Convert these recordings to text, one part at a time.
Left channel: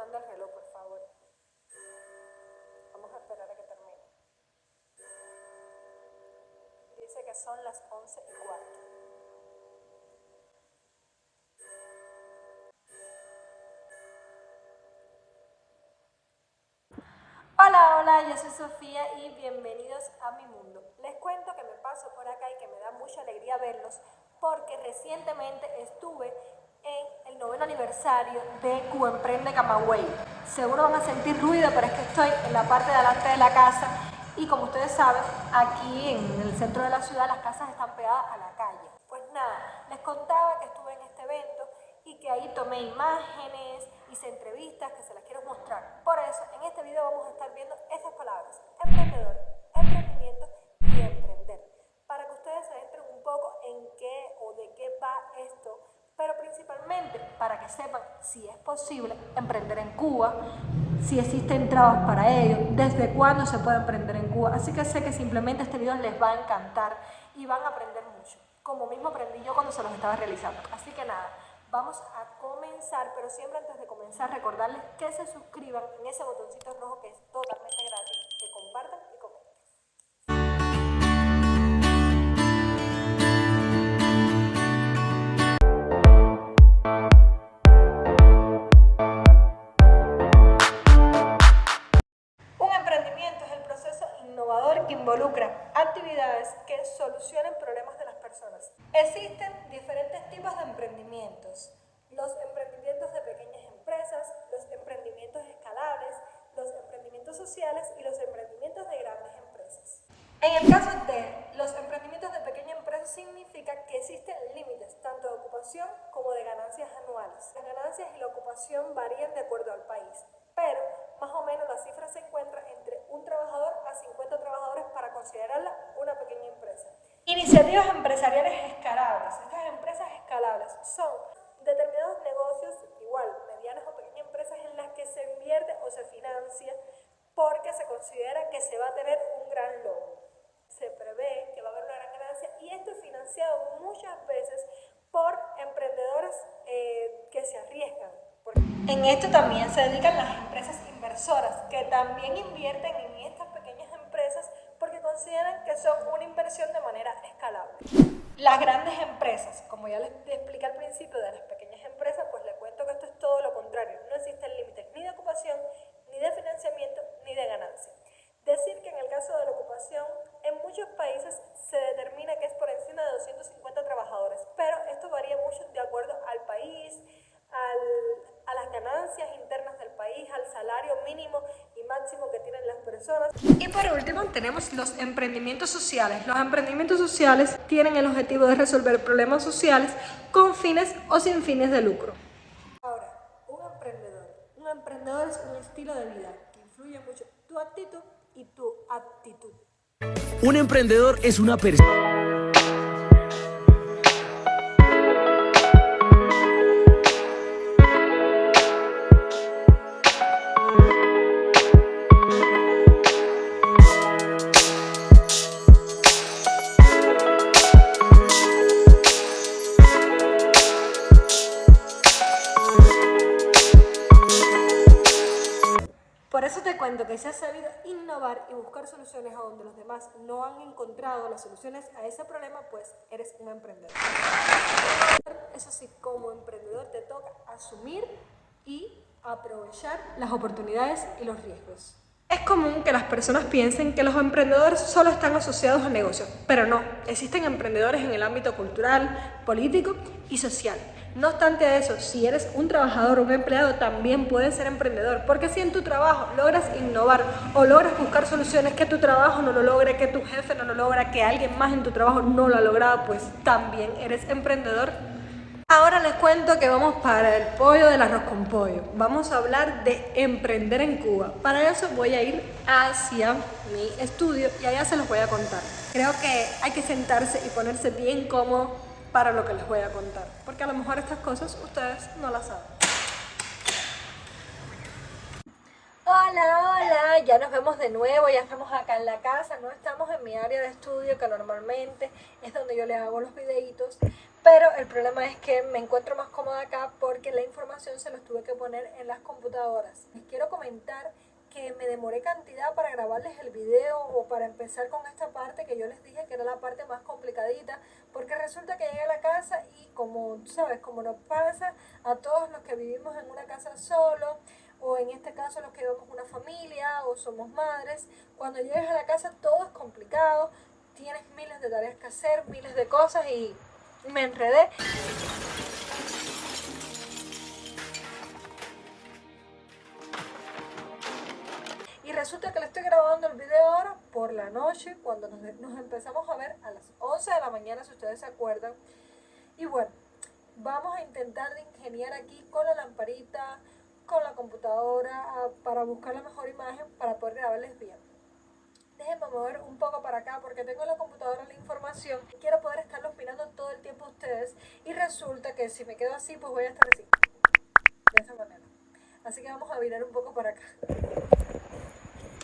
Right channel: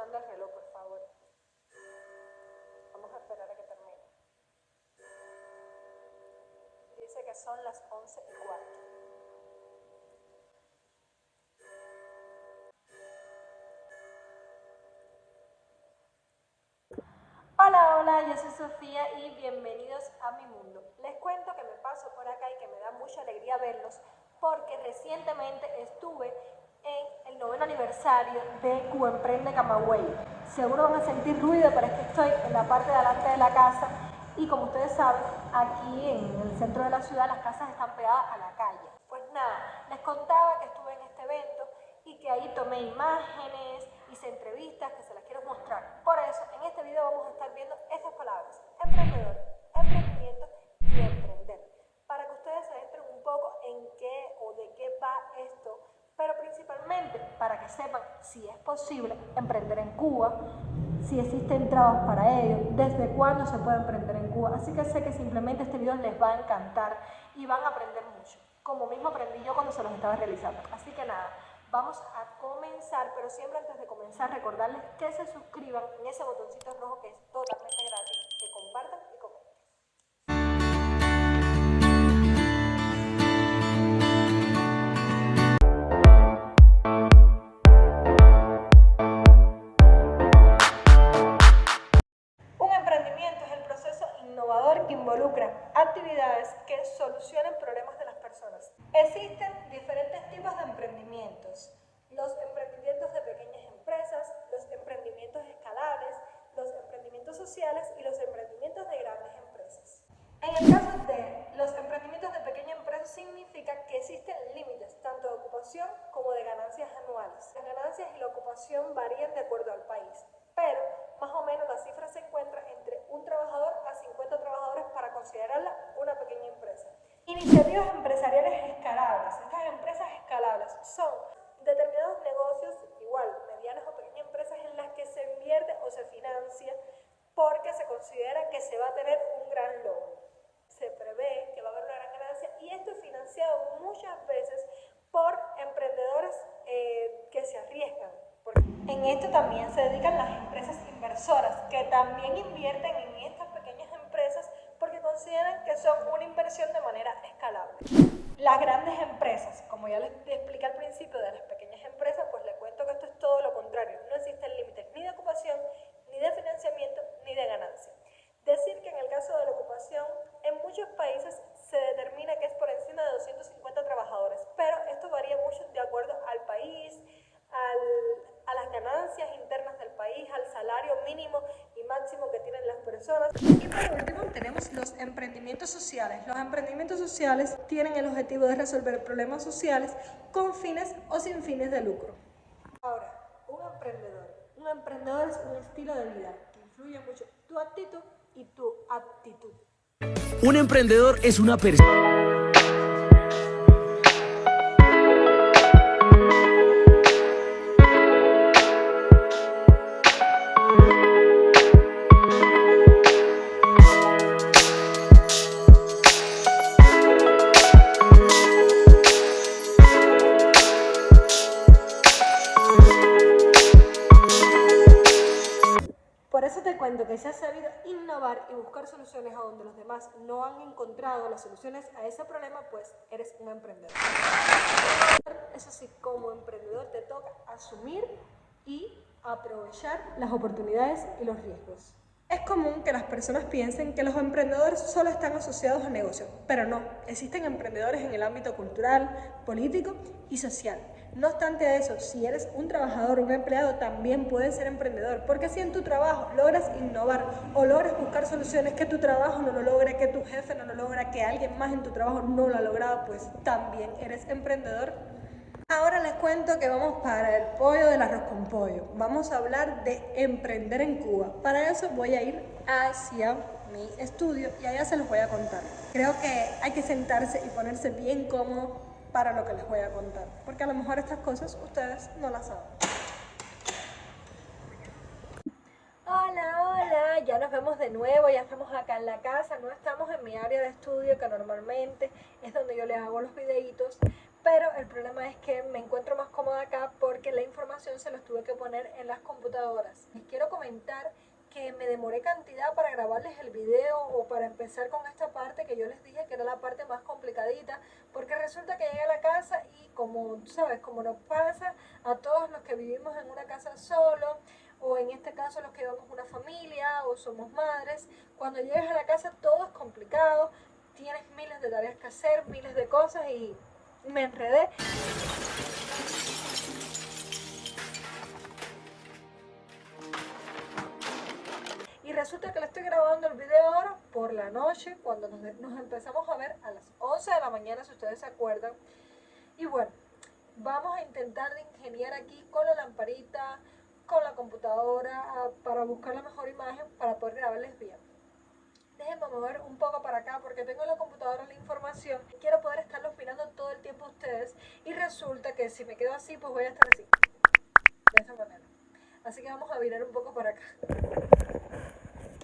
sonando el reloj, por favor. Vamos a esperar a que termine. Dice que son las 11:15. Hola, yo soy Sofía y bienvenidos a mi mundo. Les cuento que me paso por acá y que me da mucha alegría verlos porque recientemente estuve en el 9º aniversario de Cuba Emprende Camagüey. Seguro van a sentir ruido, pero es que estoy en la parte de delante de la casa y como ustedes saben, aquí en el centro de la ciudad las casas están pegadas a la calle. Pues nada, les contaba que estuve en este evento y que ahí tomé imágenes, hice entrevistas que se las quiero mostrar. Por eso, en este video vamos a estar viendo estas palabras: emprendedor, emprendimiento y emprender, para que ustedes se adentren un poco en qué o de qué va esto, pero principalmente para que sepan si es posible emprender en Cuba, si existen trabas para ello, desde cuándo se puede emprender en Cuba. Así que sé que simplemente este video les va a encantar y van a aprender mucho, como mismo aprendí yo cuando se los estaba realizando. Así que nada, vamos a comenzar, pero siempre antes de comenzar recordarles que se suscriban en ese botoncito rojo que es totalmente gratis, que compartan y comenten. Un emprendimiento es el proceso innovador que involucra actividades que solucionen problemas de las personas. Existen diferentes tipos de emprendimientos: los emprendimientos de pequeñas empresas, los emprendimientos escalables, los emprendimientos sociales y los emprendimientos de grandes empresas. En el caso de los emprendimientos de pequeña empresa significa que existen límites tanto de ocupación como de ganancias anuales. Las ganancias y la ocupación varían de acuerdo al país, pero más o menos la cifra se encuentra entre un trabajador a 50 trabajadores para considerarla una pequeña empresa. Iniciativas empresariales escalables. Estas empresas escalables son determinados negocios, igual, medianas o pequeñas empresas en las que se invierte o se financia porque se considera que se va a tener un gran logro. Se prevé que va a haber una gran ganancia y esto es financiado muchas veces por emprendedores que se arriesgan. En esto también se dedican las empresas inversoras, que también invierten en estas pequeñas empresas porque consideran que son una inversión de manera escalable. Las grandes empresas, como ya les expliqué al principio de las pequeñas empresas, pues les cuento que esto es todo lo contrario. No existen límites ni de ocupación, ni de financiamiento, ni de ganancia. Decir que en el caso de la ocupación, en muchos países se determina que es por encima de 250 trabajadores, pero esto varía mucho de acuerdo al país, a las ganancias internas del país, al salario mínimo y máximo que tienen las personas. Y por último tenemos los emprendimientos sociales. Los emprendimientos sociales tienen el objetivo de resolver problemas sociales con fines o sin fines de lucro. Ahora, un emprendedor es un estilo de vida que influye mucho tu actitud y tu aptitud. Un emprendedor es una persona. Por eso te cuento que si has sabido innovar y buscar soluciones a donde los demás no han encontrado las soluciones a ese problema, pues eres un emprendedor. Eso sí, como emprendedor te toca asumir y aprovechar las oportunidades y los riesgos. Es común que las personas piensen que los emprendedores solo están asociados a negocios, pero no, existen emprendedores en el ámbito cultural, político y social. No obstante eso, si eres un trabajador o un empleado, también puedes ser emprendedor, porque si en tu trabajo logras innovar o logras buscar soluciones que tu trabajo no lo logre, que tu jefe no lo logra, que alguien más en tu trabajo no lo ha logrado, pues también eres emprendedor. Ahora les cuento que vamos para el pollo del arroz con pollo. Vamos a hablar de emprender en Cuba. Para eso voy a ir hacia mi estudio y allá se los voy a contar. Creo que hay que sentarse y ponerse bien cómodo para lo que les voy a contar, porque a lo mejor estas cosas ustedes no las saben. Hola, ya nos vemos de nuevo, ya estamos acá en la casa, no estamos en mi área de estudio que normalmente es donde yo les hago los videitos, pero el problema es que me encuentro más cómoda acá porque la información se los tuve que poner en las computadoras computadoras. Les quiero comentar que me demoré cantidad para grabarles el video o para empezar con esta parte que yo les dije que era la parte más complicadita, porque resulta que llegué a la casa y como sabes, como nos pasa a todos los que vivimos en una casa solo, o en este caso los que llevamos una familia o somos madres, cuando llegas a la casa todo es complicado, tienes miles de tareas que hacer, miles de cosas y me enredé. Y resulta que le estoy grabando el video ahora por la noche, cuando nos empezamos a ver a las 11 de la mañana, si ustedes se acuerdan. Y bueno, vamos a intentar de ingeniar aquí con la lamparita, con la computadora, para buscar la mejor imagen para poder grabarles bien. Déjenme mover un poco para acá porque tengo en la computadora la información. Quiero poder estarlos mirando todo el tiempo a ustedes. Y resulta que si me quedo así, pues voy a estar así. De esa manera. Así que vamos a virar un poco para acá.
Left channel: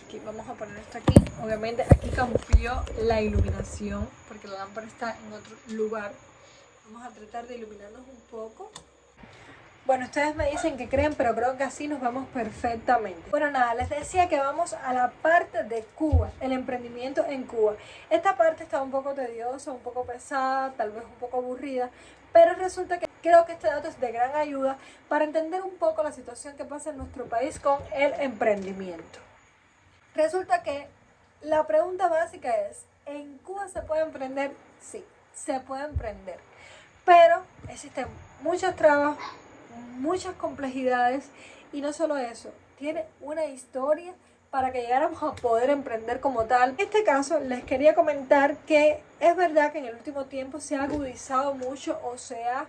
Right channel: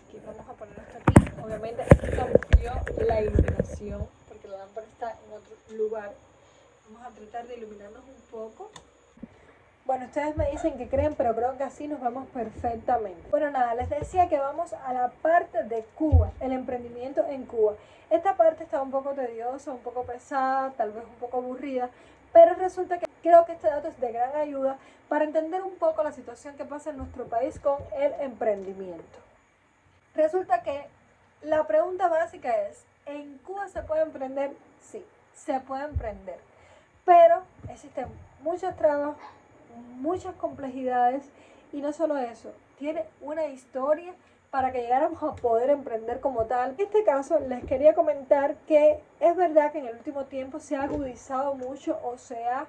Aquí vamos a poner esto aquí. Obviamente aquí cambió la iluminación porque la lámpara está en otro lugar. Vamos a tratar de iluminarnos un poco. Bueno, ustedes me dicen que creen, pero creo que así nos vamos perfectamente. Bueno, nada, les decía que vamos a la parte de Cuba, el emprendimiento en Cuba. Esta parte está un poco tediosa, un poco pesada, tal vez un poco aburrida, pero resulta que creo que este dato es de gran ayuda para entender un poco la situación que pasa en nuestro país con el emprendimiento. Resulta que la pregunta básica es, ¿en Cuba se puede emprender? Sí, se puede emprender, pero existen muchas trabas, muchas complejidades y no solo eso, tiene una historia para que llegáramos a poder emprender como tal. En este caso les quería comentar que es verdad que en el último tiempo se ha agudizado mucho o se ha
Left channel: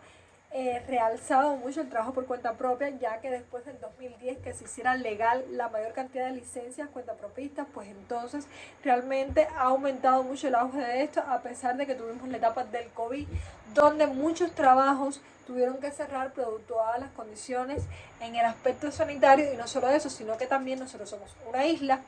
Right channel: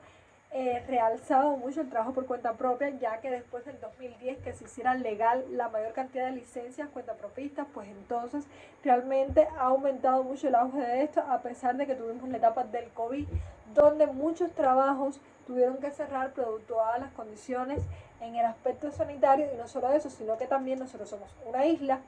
realzado mucho el trabajo por cuenta propia, ya que después del 2010 que se hiciera legal la mayor cantidad de licencias cuentapropistas, pues entonces realmente ha aumentado mucho el auge de esto, a pesar de que tuvimos la etapa del COVID, donde muchos trabajos tuvieron que cerrar producto a las condiciones en el aspecto sanitario, y no solo eso, sino que también nosotros somos una isla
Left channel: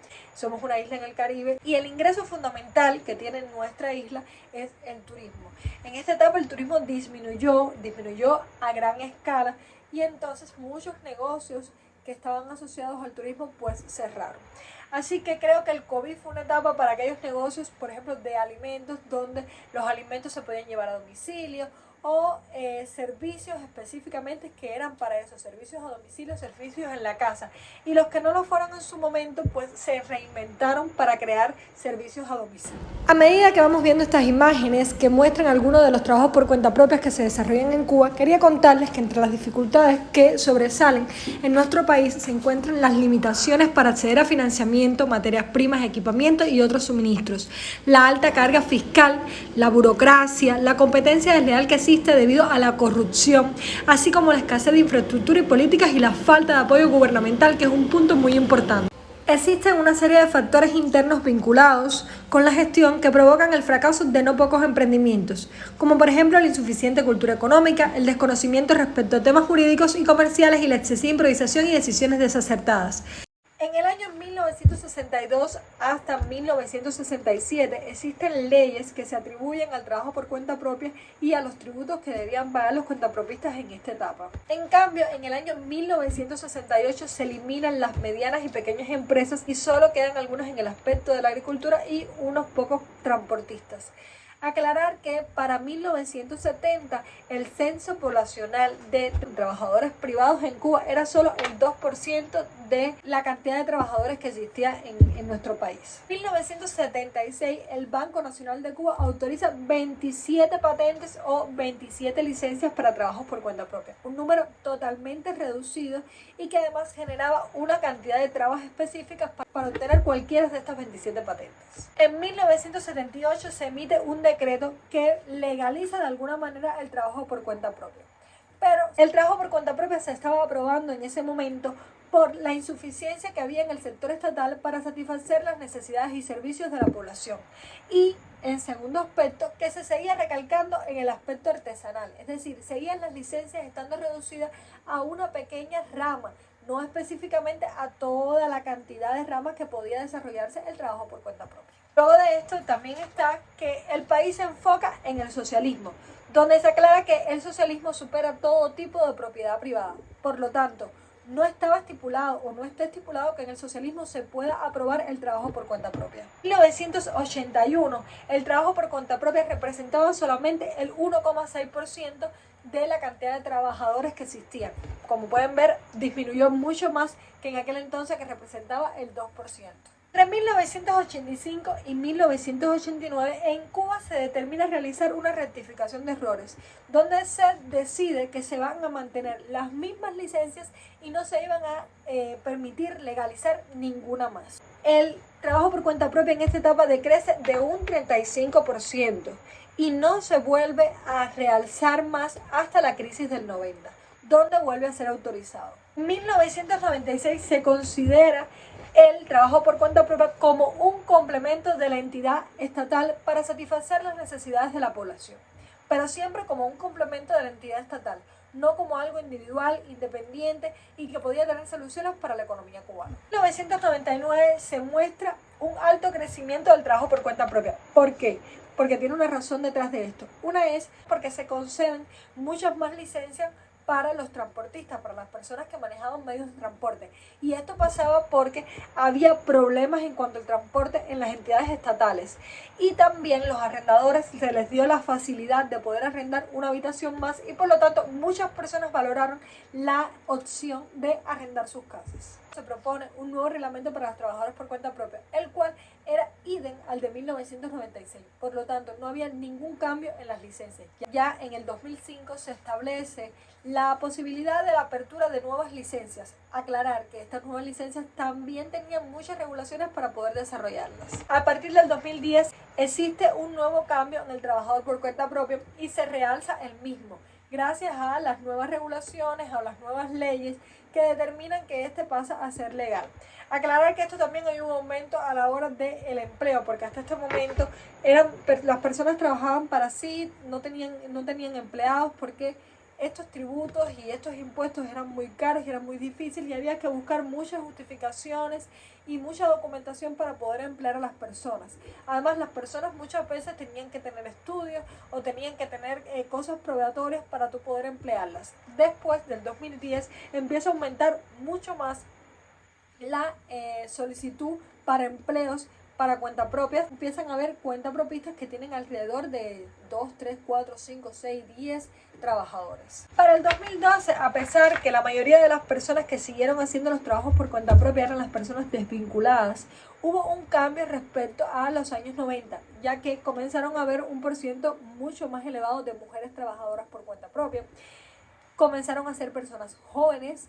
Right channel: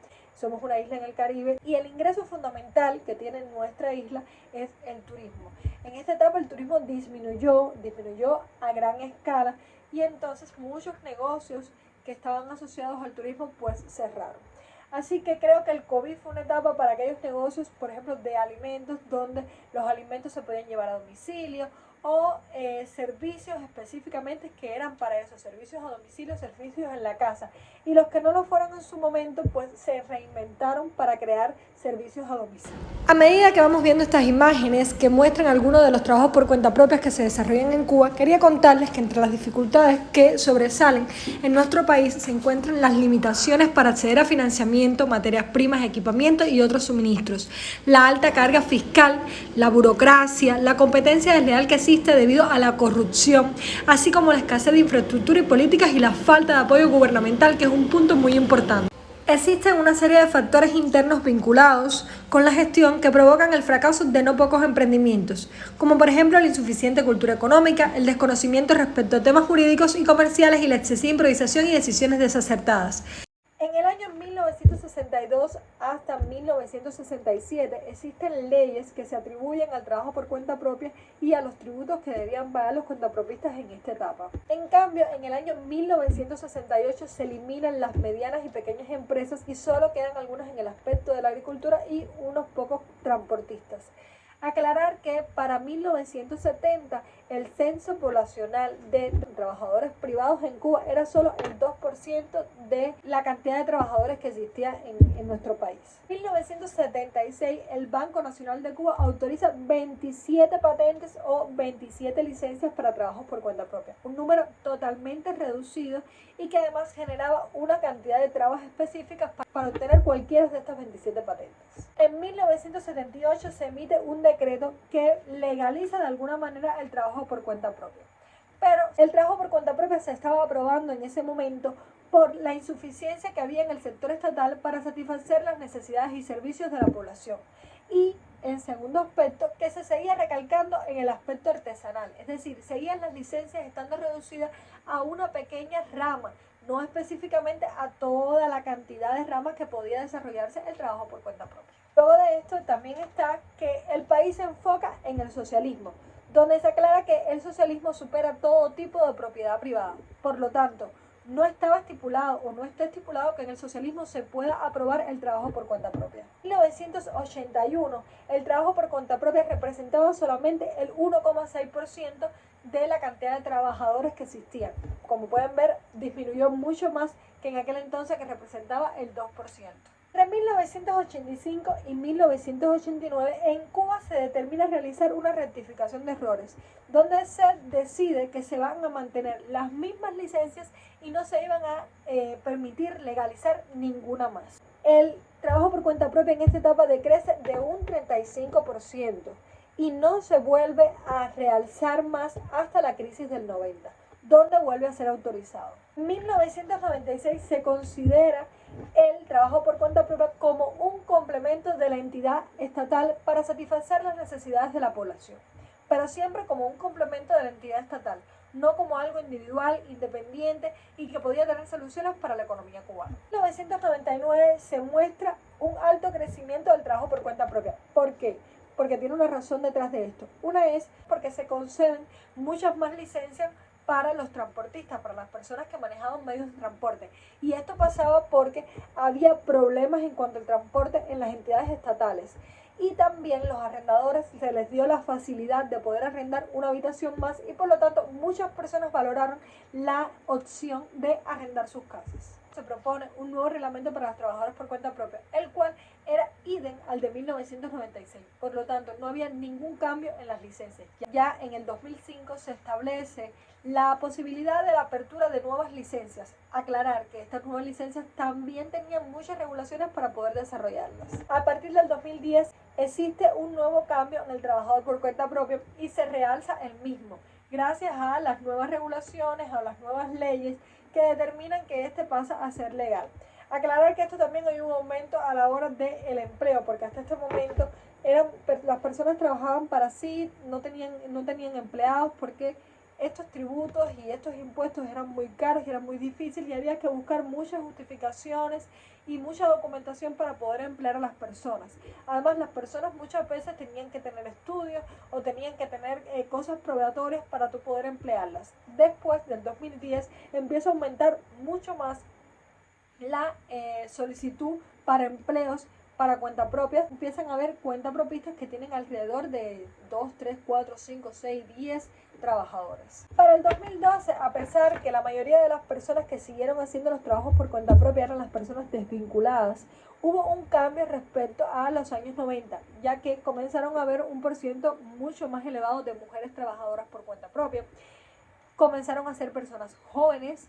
en el Caribe, y el ingreso fundamental que tiene nuestra isla es el turismo. En esta etapa el turismo disminuyó a gran escala, y entonces muchos negocios que estaban asociados al turismo pues cerraron. Así que creo que el COVID fue una etapa para aquellos negocios, por ejemplo, de alimentos, donde los alimentos se podían llevar a domicilio, o servicios específicamente que eran para eso, servicios a domicilio, servicios en la casa, y los que no lo fueron en su momento pues se reinventaron para crear servicios a domicilio. A medida que vamos viendo estas imágenes que muestran algunos de los trabajos por cuenta propia que se desarrollan en Cuba, quería contarles que entre las dificultades que sobresalen en nuestro país se encuentran las limitaciones para acceder a financiamiento, materias primas, equipamiento y otros suministros, la alta carga fiscal, la burocracia, la competencia desleal que existe debido a la corrupción, así como la escasez de infraestructura y políticas y la falta de apoyo gubernamental, que es un punto muy importante. Existen una serie de factores internos vinculados con la gestión que provocan el fracaso de no pocos emprendimientos, como por ejemplo la insuficiente cultura económica, el desconocimiento respecto a temas jurídicos y comerciales y la excesiva improvisación y decisiones desacertadas. En el año 1962 hasta 1967 existen leyes que se atribuyen al trabajo por cuenta propia y a los tributos que debían pagar los cuentapropistas en esta etapa. En cambio, en el año 1968 se eliminan las medianas y pequeñas empresas y solo quedan algunas en el aspecto de la agricultura y unos pocos transportistas. Aclarar que para 1970 el censo poblacional de trabajadores privados en Cuba era solo el 2% de la cantidad de trabajadores que existía en nuestro país. En 1976 el Banco Nacional de Cuba autoriza 27 patentes o 27 licencias para trabajos por cuenta propia, un número totalmente reducido y que además generaba una cantidad de trabas específicas para obtener cualquiera de estas 27 patentes. En 1978 se emite un decreto que legaliza de alguna manera el trabajo por cuenta propia. Pero el trabajo por cuenta propia se estaba aprobando en ese momento por la insuficiencia que había en el sector estatal para satisfacer las necesidades y servicios de la población. Y en segundo aspecto, que se seguía recalcando en el aspecto artesanal, es decir, seguían las licencias estando reducidas a una pequeña rama, no específicamente a toda la cantidad de ramas que podía desarrollarse el trabajo por cuenta propia. Luego de esto también está que el país se enfoca en el socialismo, donde se aclara que el socialismo supera todo tipo de propiedad privada. Por lo tanto, no estaba estipulado o no está estipulado que en el socialismo se pueda aprobar el trabajo por cuenta propia. En 1981, el trabajo por cuenta propia representaba solamente el 1,6% de la cantidad de trabajadores que existían. Como pueden ver, disminuyó mucho más que en aquel entonces, que representaba el 2%. Entre 1985 y 1989 en Cuba se determina realizar una rectificación de errores, donde se decide que se van a mantener las mismas licencias y no se iban a permitir legalizar ninguna más. El trabajo por cuenta propia en esta etapa decrece de un 35% y no se vuelve a realzar más hasta la crisis del 90, donde vuelve a ser autorizado. En 1996 se considera el trabajo por cuenta propia como un complemento de la entidad estatal para satisfacer las necesidades de la población, pero siempre como un complemento de la entidad estatal, no como algo individual, independiente y que podía tener soluciones para la economía cubana. En 1999 se muestra un alto crecimiento del trabajo por cuenta propia. ¿Por qué? Porque tiene una razón detrás de esto. Una es porque se conceden muchas más licencias para los transportistas, para las personas que manejaban medios de transporte. Y esto pasaba porque había problemas en cuanto al transporte en las entidades estatales. Y también los arrendadores se les dio la facilidad de poder arrendar una habitación más y por lo tanto muchas personas valoraron la opción de arrendar sus casas. Se propone un nuevo reglamento para los trabajadores por cuenta propia, el cual era idem al de 1996. Por lo tanto, no había ningún cambio en las licencias. Ya en el 2005 se establece la posibilidad de la apertura de nuevas licencias. Aclarar que estas nuevas licencias también tenían muchas regulaciones para poder desarrollarlas. A partir del 2010 existe un nuevo cambio en el trabajador por cuenta propia y se realza el mismo, gracias a las nuevas regulaciones, a las nuevas leyes que determinan que este pasa a ser legal. Aclarar que esto también hay un aumento a la hora del empleo, porque hasta este momento las personas trabajaban para sí, no tenían empleados porque estos tributos y estos impuestos eran muy caros y eran muy difíciles y había que buscar muchas justificaciones y mucha documentación para poder emplear a las personas. Además, las personas muchas veces tenían que tener estudios o tenían que tener cosas probatorias para tú poder emplearlas. Después del 2010 empieza a aumentar mucho más la solicitud para empleos para cuenta propia. Empiezan a haber cuentapropistas que tienen alrededor de 2, 3, 4, 5, 6, 10 trabajadores. Para el 2012, a pesar que la mayoría de las personas que siguieron haciendo los trabajos por cuenta propia eran las personas desvinculadas, hubo un cambio respecto a los años 90, ya que comenzaron a haber un porciento mucho más elevado de mujeres trabajadoras por cuenta propia. Comenzaron a ser personas jóvenes.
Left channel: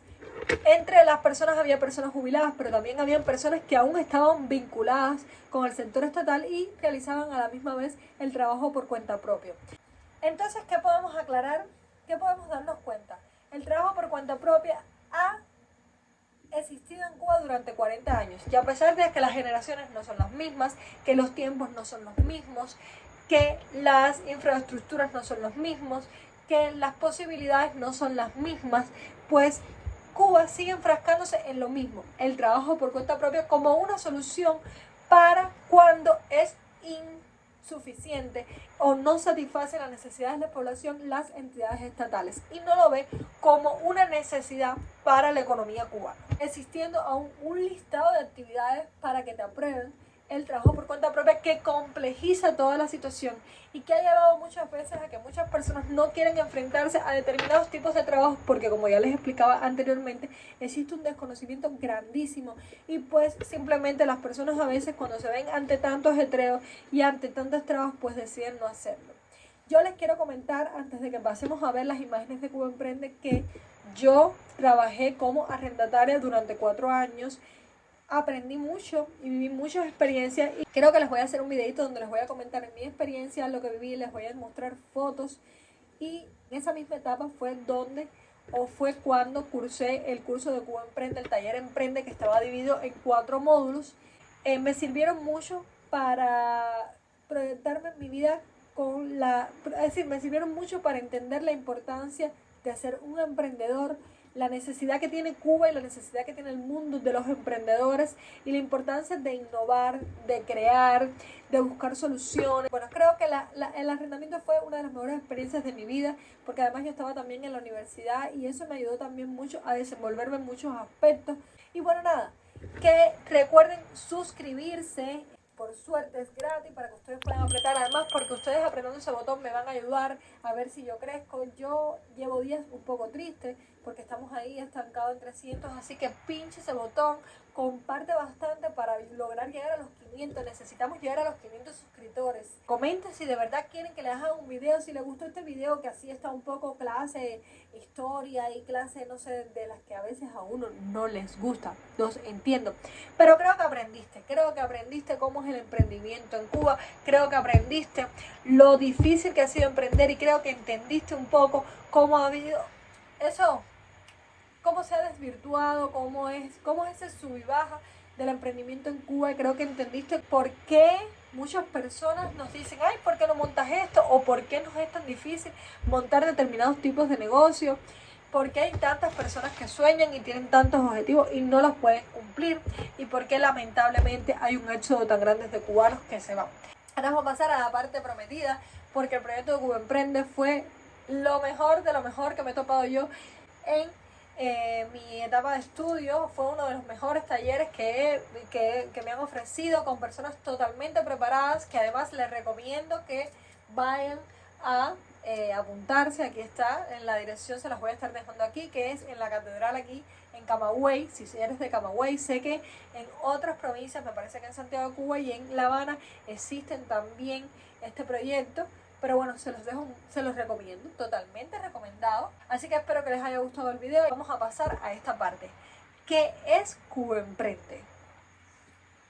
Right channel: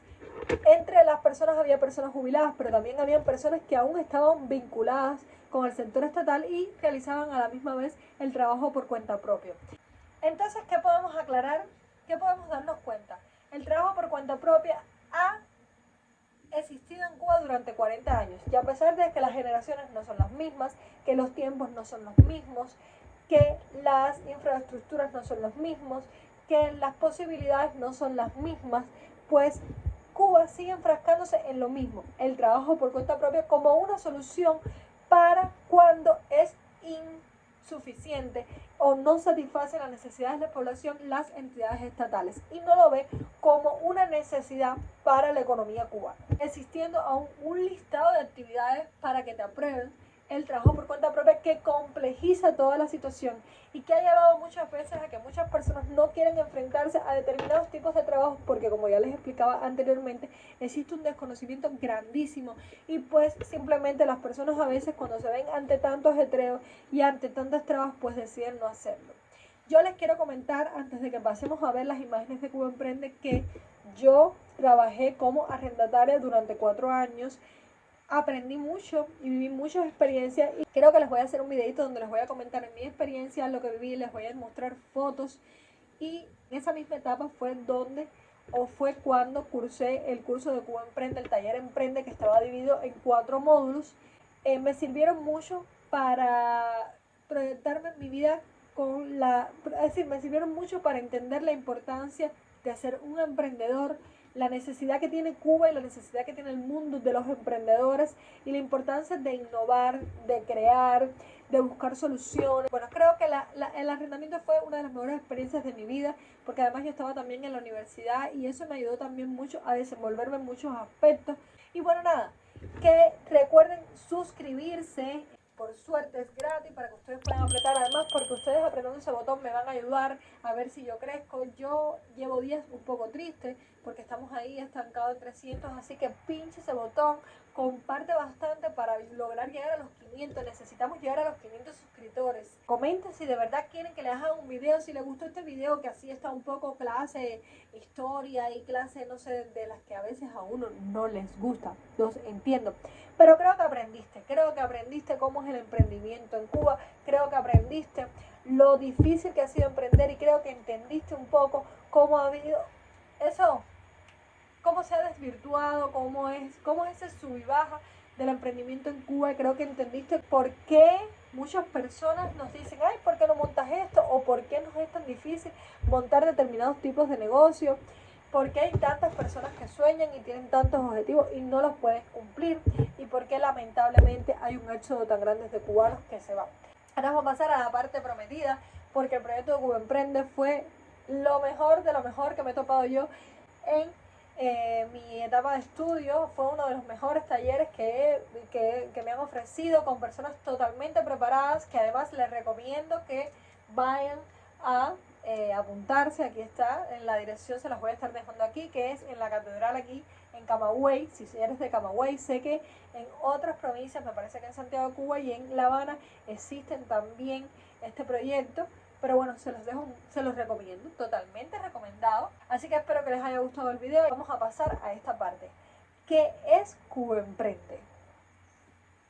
Entre las personas había personas jubiladas, pero también habían personas que aún estaban vinculadas con el sector estatal y realizaban a la misma vez el trabajo por cuenta propia. Entonces, ¿qué podemos aclarar? ¿Qué podemos darnos cuenta? El trabajo por cuenta propia ha existido en Cuba durante 40 años y a pesar de que las generaciones no son las mismas, que los tiempos no son los mismos, que las infraestructuras no son los mismos, que las posibilidades no son las mismas, pues Cuba sigue enfrascándose en lo mismo, el trabajo por cuenta propia como una solución para cuando es insuficiente o no satisface las necesidades de la población las entidades estatales y no lo ve como una necesidad para la economía cubana, existiendo aún un listado de actividades para que te aprueben el trabajo por cuenta propia que complejiza toda la situación y que ha llevado muchas veces a que muchas personas no quieren enfrentarse a determinados tipos de trabajos porque, como ya les explicaba anteriormente, existe un desconocimiento grandísimo y pues simplemente las personas a veces cuando se ven ante tantos ajetreos y ante tantas trabas pues deciden no hacerlo. Yo les quiero comentar, antes de que pasemos a ver las imágenes de Cuba Emprende, que yo trabajé como arrendataria durante 4 años. Aprendí mucho y viví muchas experiencias y creo que les voy a hacer un videito donde les voy a comentar mi experiencia, lo que viví, les voy a mostrar fotos y en esa misma etapa fue cuando cursé el curso de Cuba Emprende, el taller Emprende que estaba dividido en 4 módulos. Me sirvieron mucho para proyectarme en mi vida me sirvieron mucho para entender la importancia de ser un emprendedor, la necesidad que tiene Cuba y la necesidad que tiene el mundo de los emprendedores y la importancia de innovar, de crear, de buscar soluciones. Bueno, creo que el arrendamiento fue una de las mejores experiencias de mi vida, porque además yo estaba también en la universidad y eso me ayudó también mucho a desenvolverme en muchos aspectos. Y bueno, nada, que recuerden suscribirse. Por suerte es gratis para que ustedes puedan apretar. Además, porque ustedes apretando ese botón me van a ayudar a ver si yo crezco. Yo llevo días un poco triste porque estamos ahí estancados en 300. Así que pinche ese botón, comparte bastante para lograr llegar a los 500. Necesitamos llegar a los 500 suscriptores. Comenten si de verdad quieren que les haga un video. Si les gustó este video, que así está un poco clase, historia y clase, no sé, de las que a veces a uno no les gusta. Los entiendo. Pero creo que aprendiste cómo es el emprendimiento en Cuba, creo que aprendiste lo difícil que ha sido emprender y creo que entendiste un poco cómo ha habido eso, cómo se ha desvirtuado, cómo es ese sub y baja del emprendimiento en Cuba, y creo que entendiste por qué muchas personas nos dicen, ay, ¿por qué no montas esto? O ¿por qué nos es tan difícil montar determinados tipos de negocios? ¿Por qué hay tantas personas que sueñan y tienen tantos objetivos y no los pueden cumplir? ¿Y por qué lamentablemente hay un éxodo tan grande de cubanos que se van? Ahora vamos a pasar a la parte prometida, porque el proyecto de Cuba Emprende fue lo mejor de lo mejor que me he topado yo en mi etapa de estudio. Fue uno de los mejores talleres que me han ofrecido, con personas totalmente preparadas, que además les recomiendo que vayan a apuntarse. Aquí está, en la dirección se las voy a estar dejando aquí, que es en la catedral aquí en Camagüey. Si eres de Camagüey, sé que en otras provincias, me parece que en Santiago de Cuba y en La Habana existen también este proyecto, pero bueno, se los recomiendo, totalmente recomendado. Así que espero que les haya gustado el video. Vamos a pasar a esta parte, que es Cuba Emprende.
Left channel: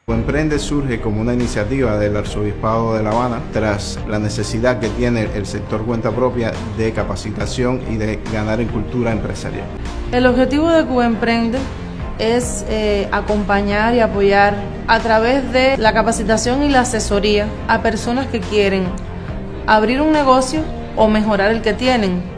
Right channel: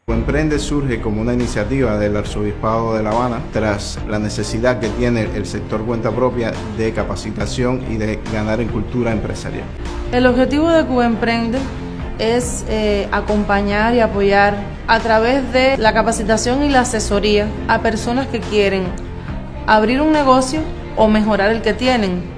Cuba Emprende surge como una iniciativa del Arzobispado de La Habana tras la necesidad que tiene el sector cuenta propia de capacitación y de ganar en cultura empresarial. El objetivo de Cuba Emprende es acompañar y apoyar a través de la capacitación y la asesoría a personas que quieren abrir un negocio o mejorar el que tienen.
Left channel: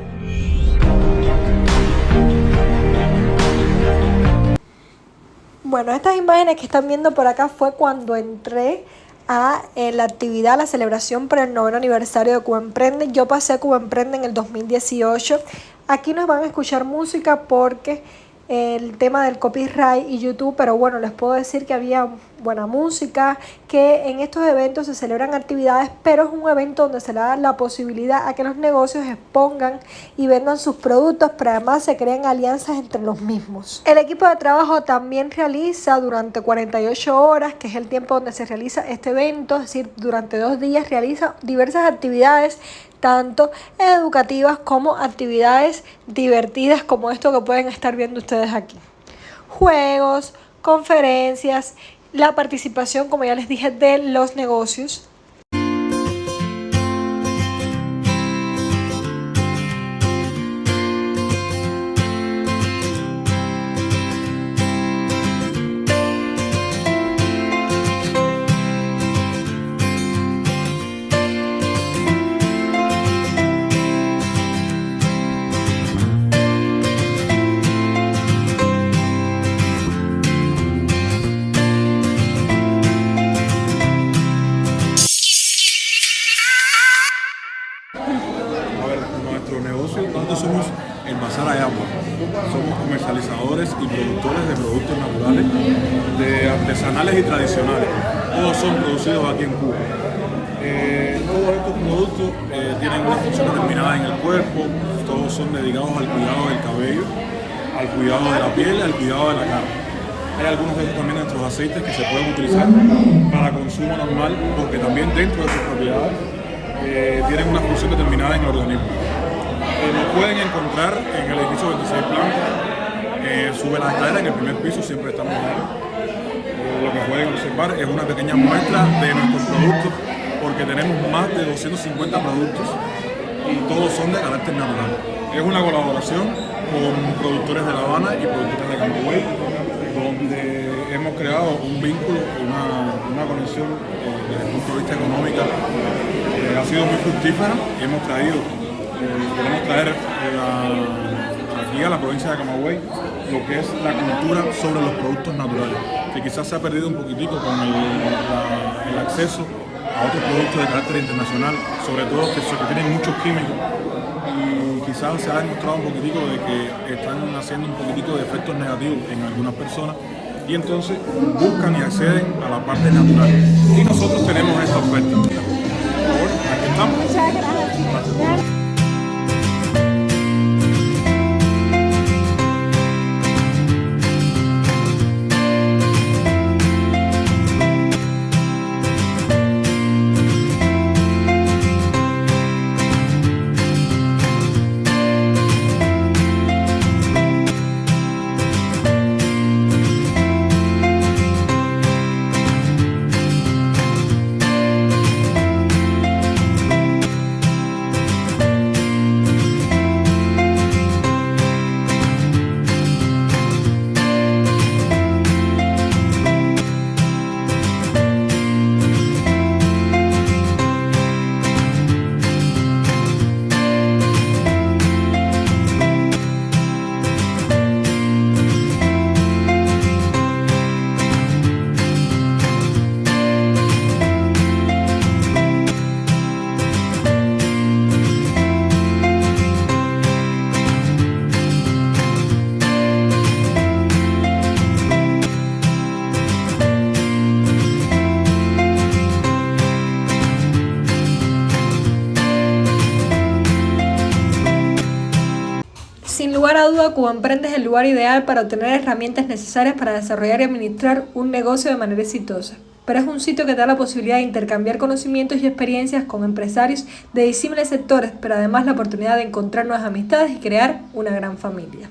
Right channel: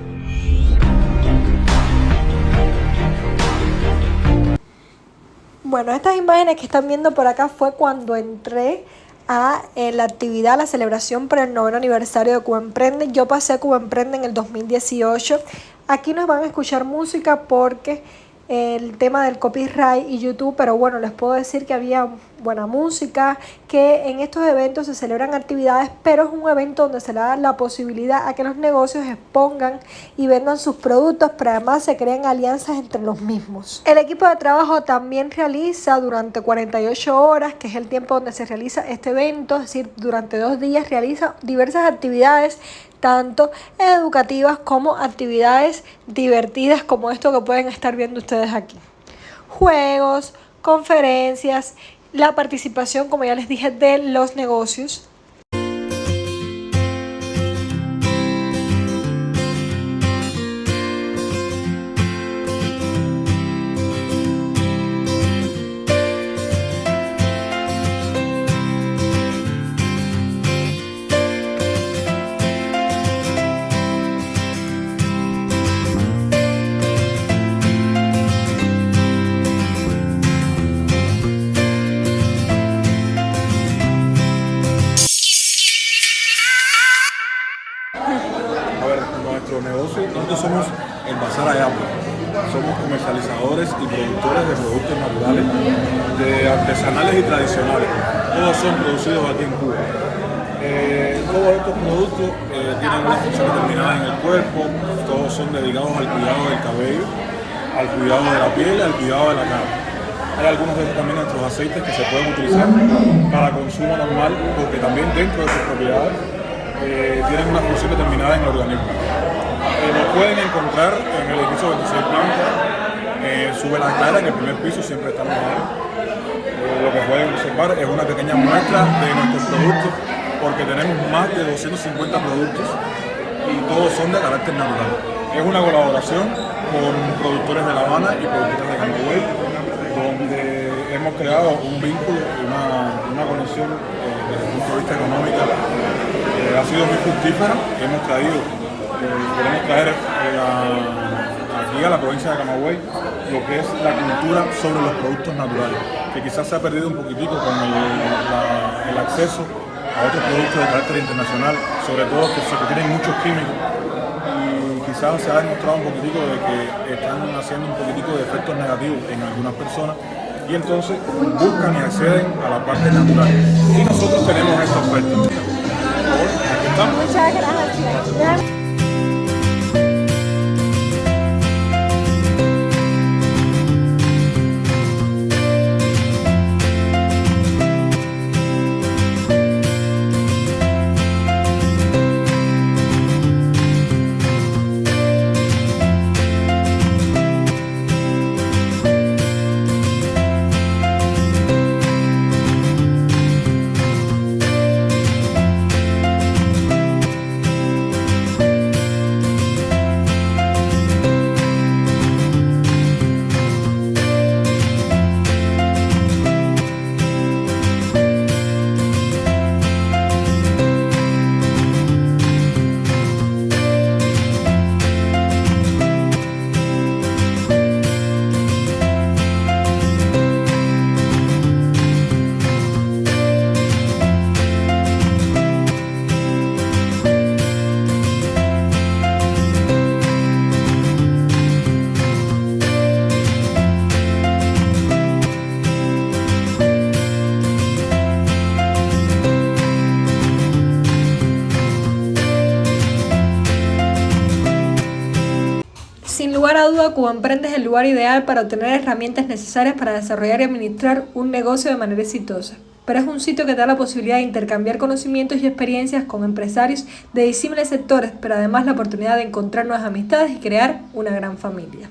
Bueno, estas imágenes que están viendo por acá fue cuando entré a la actividad, la celebración por el 9º aniversario de Cuba Emprende. Yo pasé a Cuba Emprende en el 2018. Aquí nos van a escuchar música porque el tema del copyright y YouTube, pero bueno, les puedo decir que había buena música, que en estos eventos se celebran actividades, pero es un evento donde se le da la posibilidad a que los negocios expongan y vendan sus productos, pero además se crean alianzas entre los mismos. El equipo de trabajo también realiza durante 48 horas, que es el tiempo donde se realiza este evento, es decir, durante 2 días realiza diversas actividades, tanto educativas como actividades divertidas, como esto que pueden estar viendo ustedes aquí. Juegos, conferencias, la participación, como ya les dije, de los negocios. Nuestro negocio, nosotros somos el Bazar Ayapla. Somos comercializadores y productores de productos naturales, de artesanales y tradicionales. Todos son producidos aquí en Cuba. Todos estos productos tienen una función determinada en el cuerpo, todos son dedicados al cuidado del cabello, al cuidado de la piel, al cuidado de la cara. Hay algunos de estos también nuestros aceites que se pueden utilizar para consumo normal, porque también dentro de sus propiedades tienen una función determinada en el organismo. Nos pueden encontrar en el edificio 26 Planta, sube la escalera, en el primer piso siempre estamos ahí. Lo que pueden observar es una pequeña muestra de nuestros productos, porque tenemos más de 250 productos y todos son de carácter natural. Es una colaboración con productores de La Habana y productores de Camagüey, donde hemos creado un vínculo y una conexión desde el punto de vista económico. Ha sido muy fructífera. Queremos traer aquí a la provincia de Camagüey lo que es la cultura sobre los productos naturales, que quizás se ha perdido un poquitico con el acceso a otros productos de carácter internacional, sobre todo que tienen muchos químicos, y quizás se ha demostrado un poquitico de que están haciendo un poquitico de efectos negativos en algunas personas, y entonces buscan y acceden a la parte natural. Y nosotros tenemos esta oferta. Por favor, aquí estamos. Muchas gracias. Sin lugar a duda, Cuba Emprende es el lugar ideal para obtener herramientas necesarias para desarrollar y administrar un negocio de manera exitosa. Pero es un sitio que te da la posibilidad de intercambiar conocimientos y experiencias con empresarios de disímiles sectores, pero además la oportunidad de encontrar nuevas amistades y crear una gran familia.